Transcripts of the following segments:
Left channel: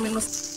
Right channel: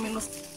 minus.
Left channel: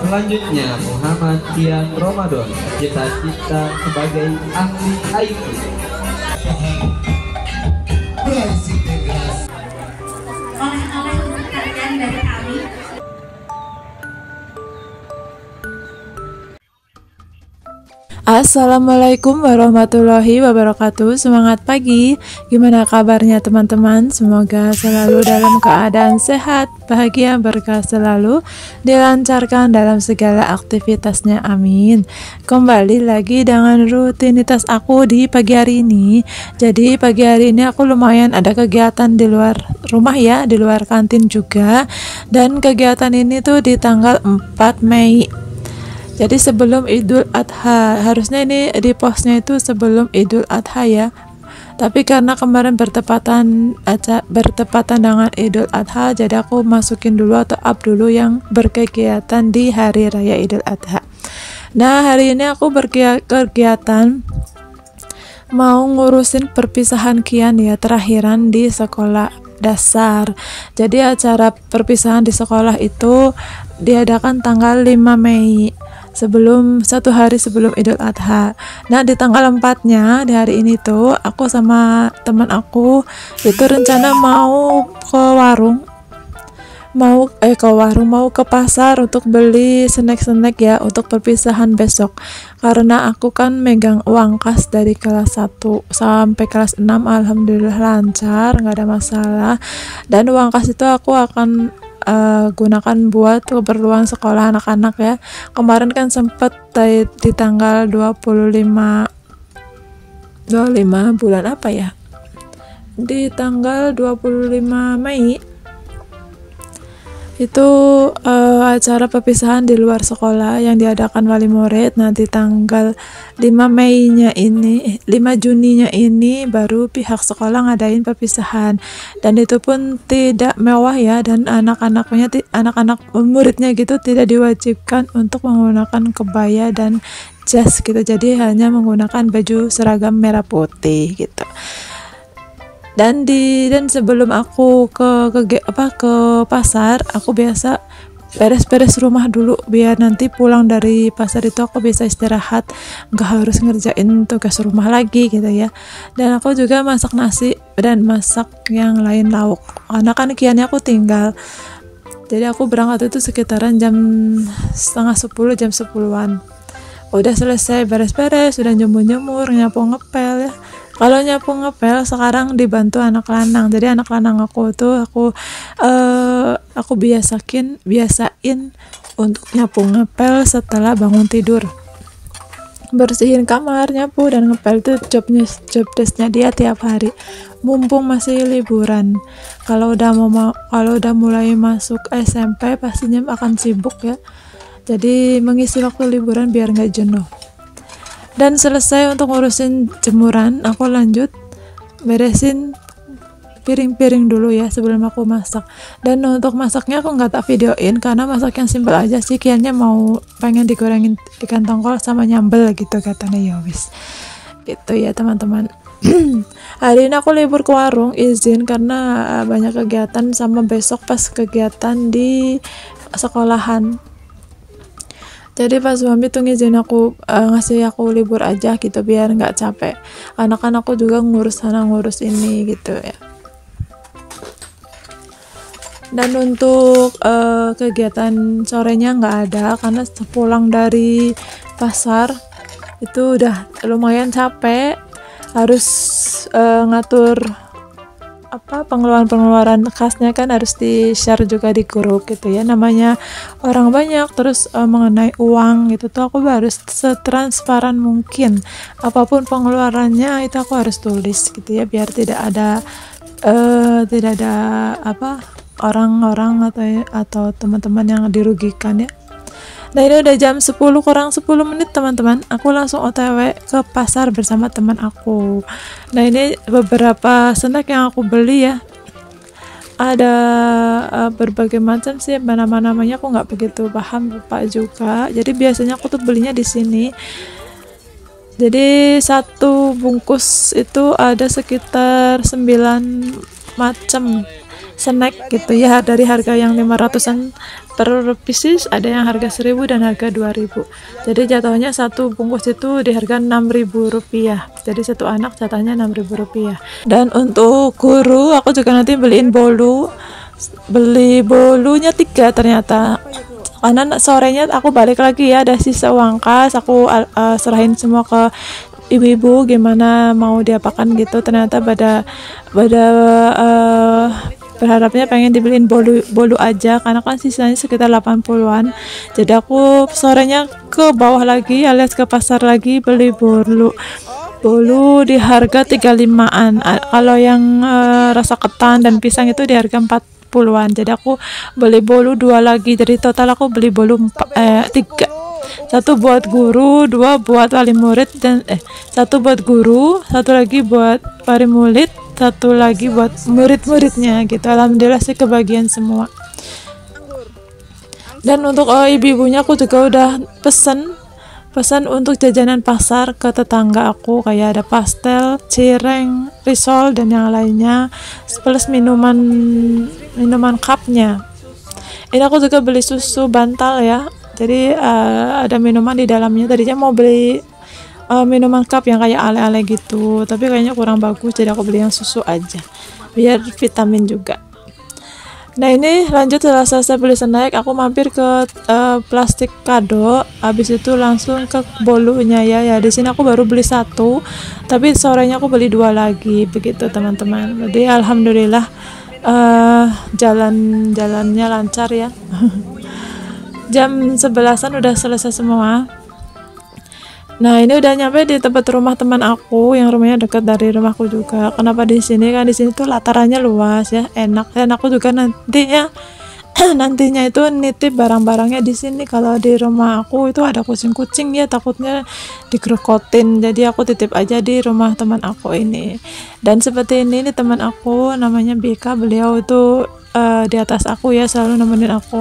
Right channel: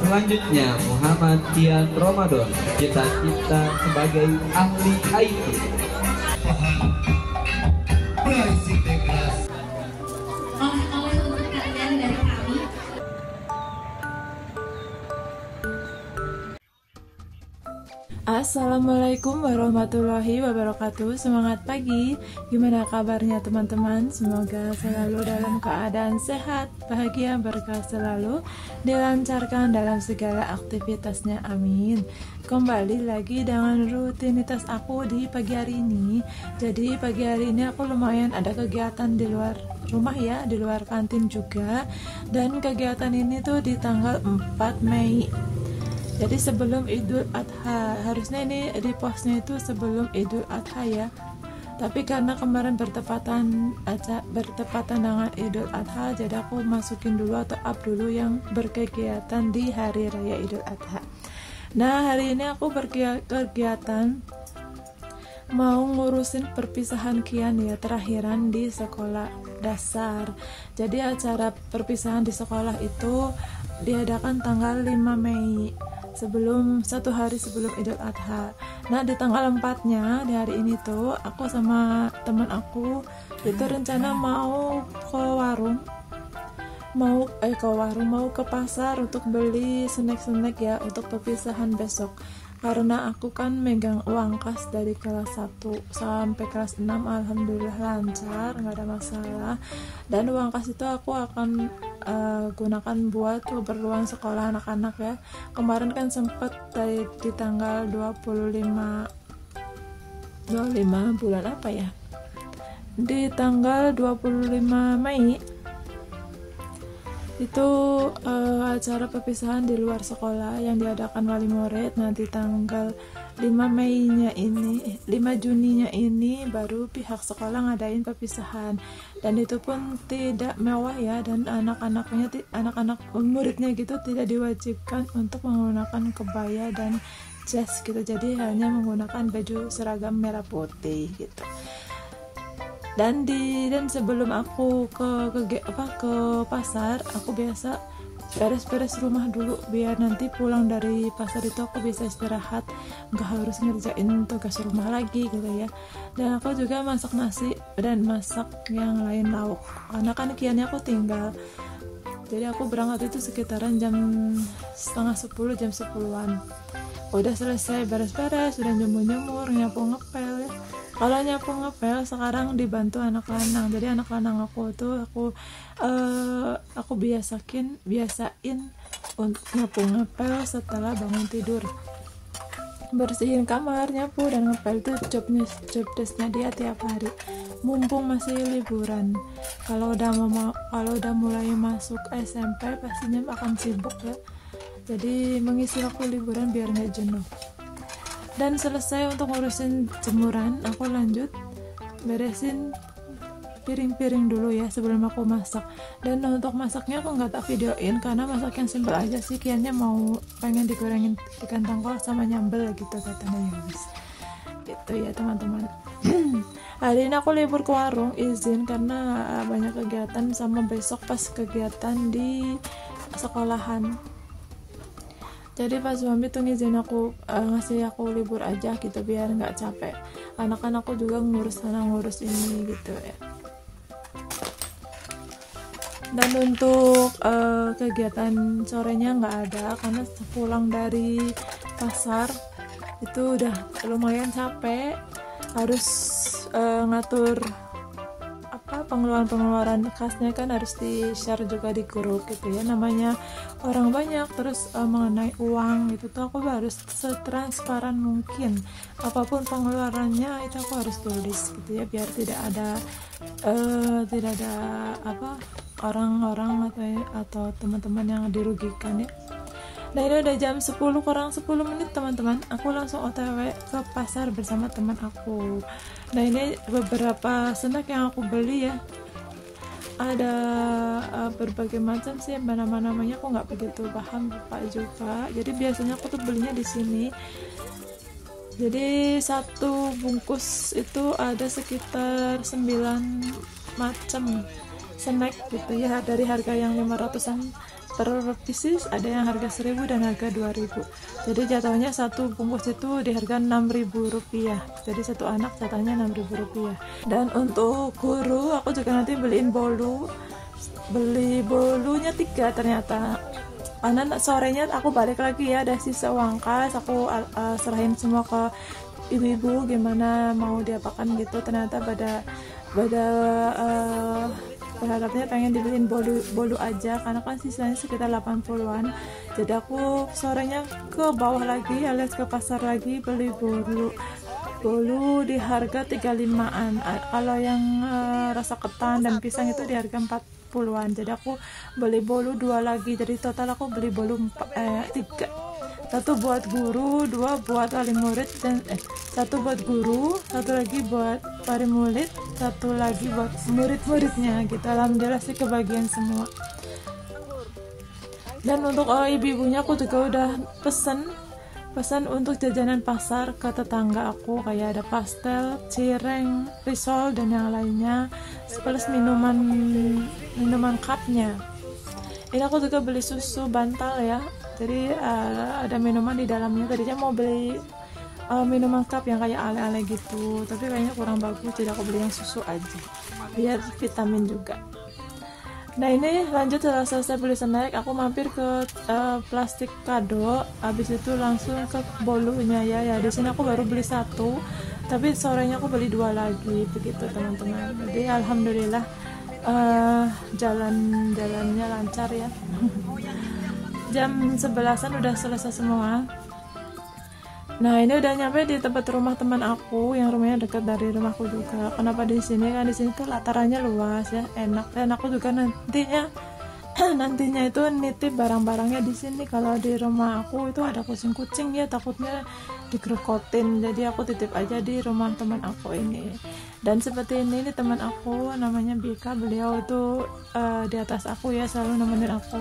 Selanjutnya Muhammad Tian Ramadan, cita-cita sebagai ahli IT. Oleh-oleh untuk kalian dari kami. Assalamualaikum warahmatullahi wabarakatuh. Semangat pagi. Gimana kabarnya teman-teman? Semoga selalu dalam keadaan sehat, bahagia, berkah selalu, dilancarkan dalam segala aktivitasnya. Amin. Kembali lagi dengan rutinitas aku di pagi hari ini. Jadi pagi hari ini aku lumayan ada kegiatan di luar rumah ya, di luar kantin juga. Dan kegiatan ini tuh di tanggal 4 Mei. Jadi sebelum Idul Adha, harusnya ini di postnya itu sebelum Idul Adha ya. Tapi karena kemarin bertepatan dengan Idul Adha, jadi aku masukin dulu atau up dulu yang berkegiatan di hari raya Idul Adha. Nah, hari ini aku berkegiatan mau ngurusin perpisahan Kian ya, terakhiran di sekolah dasar. Jadi acara perpisahan di sekolah itu diadakan tanggal 5 Mei. Satu hari sebelum Idul Adha. Nah, di tanggal 4-nya, di hari ini tuh aku sama teman aku itu rencana mau ke pasar untuk beli snack-snack ya untuk perpisahan besok. Karena aku kan megang uang kas dari kelas 1 sampai kelas 6, alhamdulillah lancar, nggak ada masalah. Dan uang kas itu aku akan gunakan buat keperluan sekolah anak-anak ya. Kemarin kan sempet di tanggal 25 bulan apa ya, di tanggal 25 Mei itu acara perpisahan di luar sekolah yang diadakan wali murid. Nanti tanggal 5 Juninya ini baru pihak sekolah ngadain perpisahan, dan itu pun tidak mewah ya, dan anak-anak muridnya gitu tidak diwajibkan untuk menggunakan kebaya dan jas gitu, jadi hanya menggunakan baju seragam merah putih gitu. Dan sebelum aku ke pasar, aku biasa beres-beres rumah dulu biar nanti pulang dari pasar itu aku bisa istirahat, nggak harus ngerjain tugas rumah lagi gitu ya. Dan aku juga masak nasi dan masak yang lain lauk, karena kan kiannya aku tinggal. Jadi aku berangkat itu sekitaran jam setengah 10, jam 10-an. Udah selesai beres-beres, sudah jemur-jemur, nyapu ngepel ya. Kalau nyapu ngepel sekarang dibantu anak lanang. Jadi anak lanang aku tuh aku biasain untuk nyapu ngepel setelah bangun tidur. Bersihin kamar, nyapu dan ngepel itu job desknya dia tiap hari. Mumpung masih liburan. Kalau udah mulai masuk SMP pastinya akan sibuk ya. Jadi mengisi waktu liburan biar nggak jenuh. Dan selesai untuk ngurusin jemuran, aku lanjut beresin piring-piring dulu ya sebelum aku masak. Dan untuk masaknya aku nggak tak videoin karena masak yang simple aja sih. Kayaknya pengen digorengin ikan tongkol sama nyambel gitu katanya, ya wis gitu ya teman-teman. Hari ini aku libur ke warung, izin karena banyak kegiatan, sama besok pas kegiatan di sekolahan. Jadi pas suami tuh ngizin aku ngasih aku libur aja gitu biar nggak capek. Anak-anakku juga ngurus sana ngurus ini gitu ya. Dan untuk kegiatan sorenya nggak ada karena pulang dari pasar itu udah lumayan capek, harus ngatur pengeluaran kasnya kan harus di-share juga di grup gitu ya, namanya orang banyak. Terus mengenai uang gitu tuh aku harus setransparan mungkin, apapun pengeluarannya itu aku harus tulis gitu ya, biar tidak ada orang-orang atau teman-teman yang dirugikan ya. Nah, ini udah jam 10 kurang 10 menit teman-teman, aku langsung OTW ke pasar bersama teman aku. Nah, ini beberapa snack yang aku beli ya, ada berbagai macam sih, nama-namanya aku nggak begitu paham, lupa juga. Jadi biasanya aku tuh belinya di sini. Jadi satu bungkus itu ada sekitar 9 macam snack gitu ya, dari harga yang 500-an per pieces, ada yang harga 1000 dan harga 2000. Jadi jatuhnya satu bungkus itu di harga 6.000 rupiah, jadi satu anak jatuhnya 6.000 rupiah. Dan untuk guru aku juga nanti beliin beli bolunya 3 ternyata, karena sorenya aku balik lagi ya, ada sisa uang kas, aku serahin semua ke ibu-ibu gimana mau diapakan gitu. Ternyata pada berharapnya pengen dibeliin bolu aja, karena kan sisanya sekitar 80-an. Jadi aku sorenya ke bawah lagi alias ke pasar lagi beli bolu di harga 35-an. Kalau yang rasa ketan dan pisang itu di harga 40-an. Jadi aku beli bolu 2 lagi, jadi total aku beli bolu 3. 1 buat guru, 2 buat wali murid, dan 1 buat guru, 1 lagi buat wali murid, 1 lagi buat murid-muridnya gitu. Alhamdulillah sih kebagian semua. Dan untuk ibu-ibunya aku juga udah pesan untuk jajanan pasar ke tetangga aku, kayak ada pastel, cireng, risol dan yang lainnya, plus minuman cupnya. Ini aku juga beli susu bantal ya, jadi ada minuman di dalamnya. Tadinya mau beli minuman cup yang kayak ale-ale gitu, tapi kayaknya kurang bagus, jadi aku beli yang susu aja biar vitamin juga. Nah ini lanjut, setelah selesai beli snack aku mampir ke plastik kado, habis itu langsung ke bolunya ya. Di sini aku baru beli 1, tapi sorenya aku beli 2 lagi begitu teman-teman. Jadi alhamdulillah jalannya lancar ya. Jam 11-an udah selesai semua. Nah ini udah nyampe di tempat rumah teman aku yang rumahnya dekat dari rumahku juga. Kenapa di sini? Kan di sini tuh latarannya luas ya, enak. Dan aku juga nantinya itu nitip barang-barangnya di sini. Kalau di rumah aku itu ada kucing-kucing ya, takutnya dikerokotin. Jadi aku titip aja di rumah teman aku ini. Dan seperti ini nih teman aku namanya Bika, beliau itu di atas aku ya, selalu nemenin aku.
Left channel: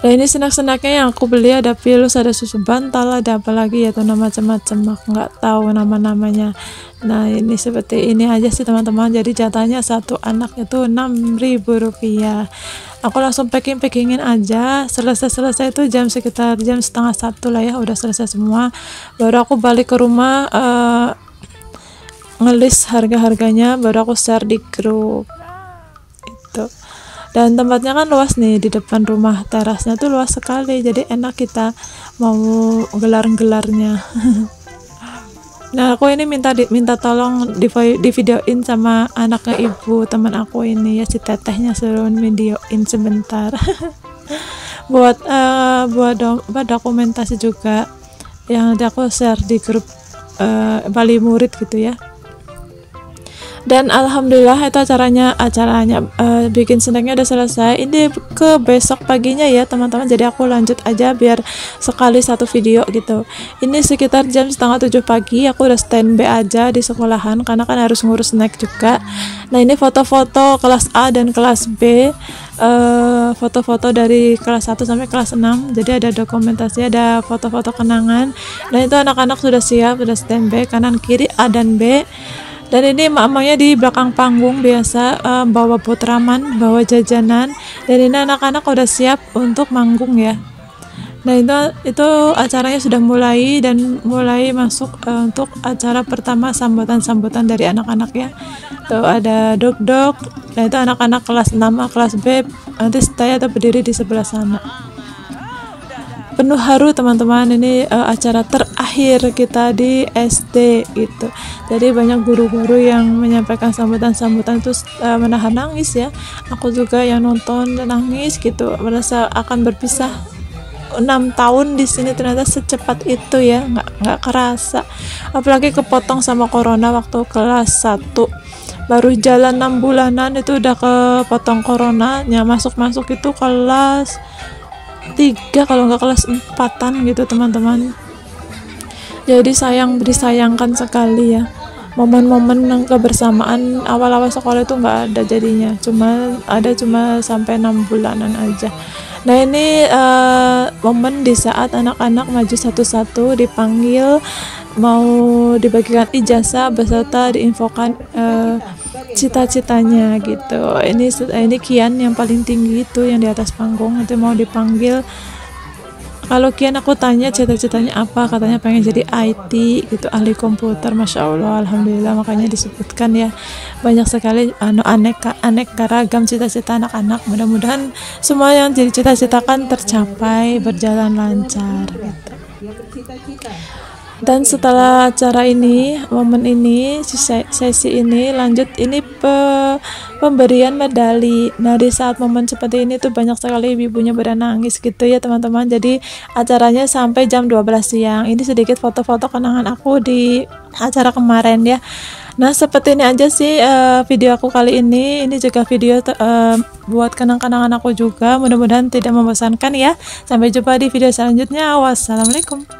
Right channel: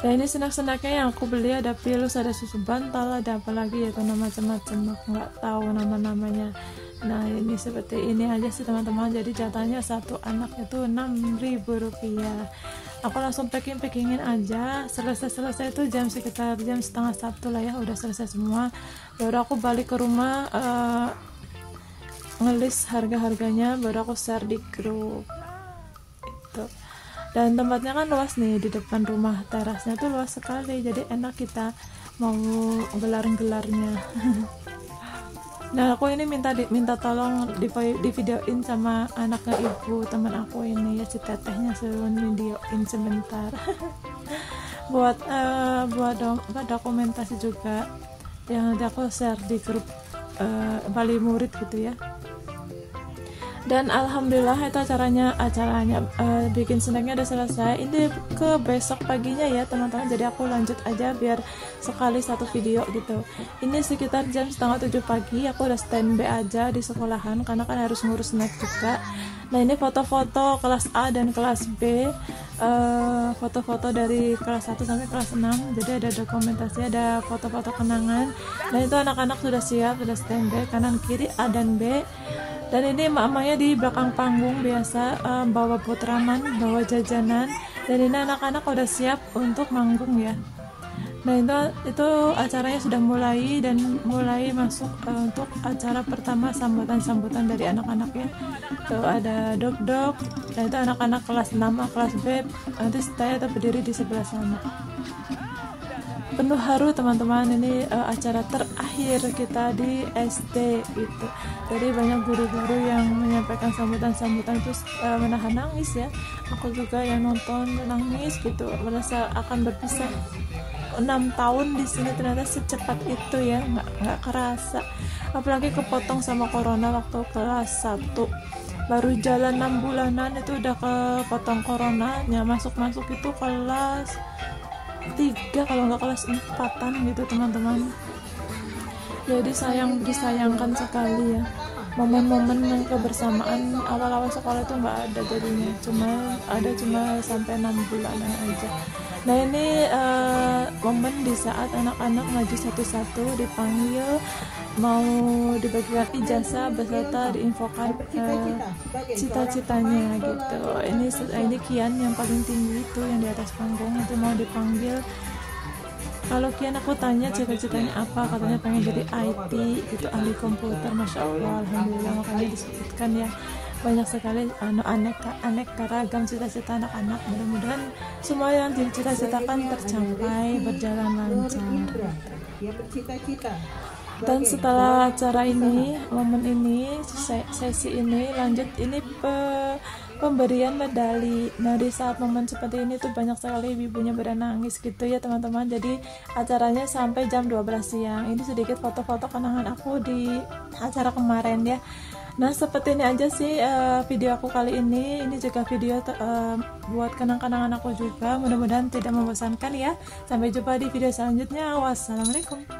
Nah ini snack-snacknya yang aku beli, ada pilus, ada susu bantal, ada apa lagi ya tuh macam-macam, aku nggak tahu nama-namanya. Nah ini seperti ini aja sih teman-teman. Jadi jatahnya satu anak itu 6.000 rupiah. Aku langsung packingin aja. Selesai itu sekitar jam 12:30 lah ya, udah selesai semua. Baru aku balik ke rumah ngelis harga-harganya, baru aku share di grup itu. Dan tempatnya kan luas nih, di depan rumah, terasnya tuh luas sekali, jadi enak kita mau gelar-gelarnya. Nah aku ini minta tolong di videoin sama anaknya ibu teman aku ini ya, si tetehnya, suruh videoin sebentar. buat dokumentasi juga yang nanti aku share di grup wali murid gitu ya. Dan alhamdulillah itu acaranya bikin snacknya udah selesai. Ini ke besok paginya ya teman-teman, jadi aku lanjut aja biar sekali 1 video gitu. Ini sekitar jam 6:30 pagi, aku udah standby aja di sekolahan karena kan harus ngurus snack juga. Nah ini foto-foto kelas A dan kelas B, foto-foto dari kelas 1 sampai kelas 6, jadi ada dokumentasi, ada foto-foto kenangan. Nah itu anak-anak sudah siap, sudah standby, kanan kiri A dan B. Dan ini emak-emaknya di belakang panggung biasa bawa putraman, bawa jajanan. Dan ini anak-anak udah siap untuk manggung ya. Nah itu acaranya sudah mulai dan mulai masuk untuk acara pertama, sambutan dari anak-anak ya. Tuh ada dok. Nah itu anak-anak kelas 6A, kelas B. Nanti saya berdiri di sebelah sana. Penuh haru teman-teman, ini acara terakhir kita di SD gitu. Jadi banyak guru-guru yang menyampaikan sambutan itu menahan nangis ya. Aku juga yang nonton nangis gitu, merasa akan berpisah 6 tahun di sini, ternyata secepat itu ya, nggak kerasa. Apalagi kepotong sama corona waktu kelas 1. Baru jalan 6 bulanan itu udah kepotong coronanya, masuk itu kelas 3 kalau nggak kelas 4-an gitu teman-teman. Jadi disayangkan sekali ya, momen-momen kebersamaan awal-awal sekolah itu nggak ada jadinya, cuma sampai 6 bulanan aja. Nah ini momen di saat anak-anak maju satu-satu dipanggil mau dibagikan ijazah beserta diinfokan cita-citanya gitu. Ini Kian yang paling tinggi itu yang di atas panggung itu mau dipanggil. Kalau Kian aku tanya cita-citanya apa, katanya pengen jadi IT gitu, ahli komputer. Masya Allah, alhamdulillah, makanya disebutkan ya banyak sekali aneka ragam cita-cita anak-anak. Mudah-mudahan semua yang dicita-citakan tercapai, berjalan lancar gitu. Dan setelah acara ini, momen ini, sesi ini lanjut, ini pemberian medali. Nah, di saat momen seperti ini tuh banyak sekali ibu-ibunya pada nangis gitu ya teman-teman. Jadi acaranya sampai jam 12 siang. Ini sedikit foto-foto kenangan aku di acara kemarin ya. Nah, seperti ini aja sih video aku kali ini. Ini juga video buat kenang-kenangan aku juga. Mudah-mudahan tidak membosankan ya. Sampai jumpa di video selanjutnya. Wassalamualaikum.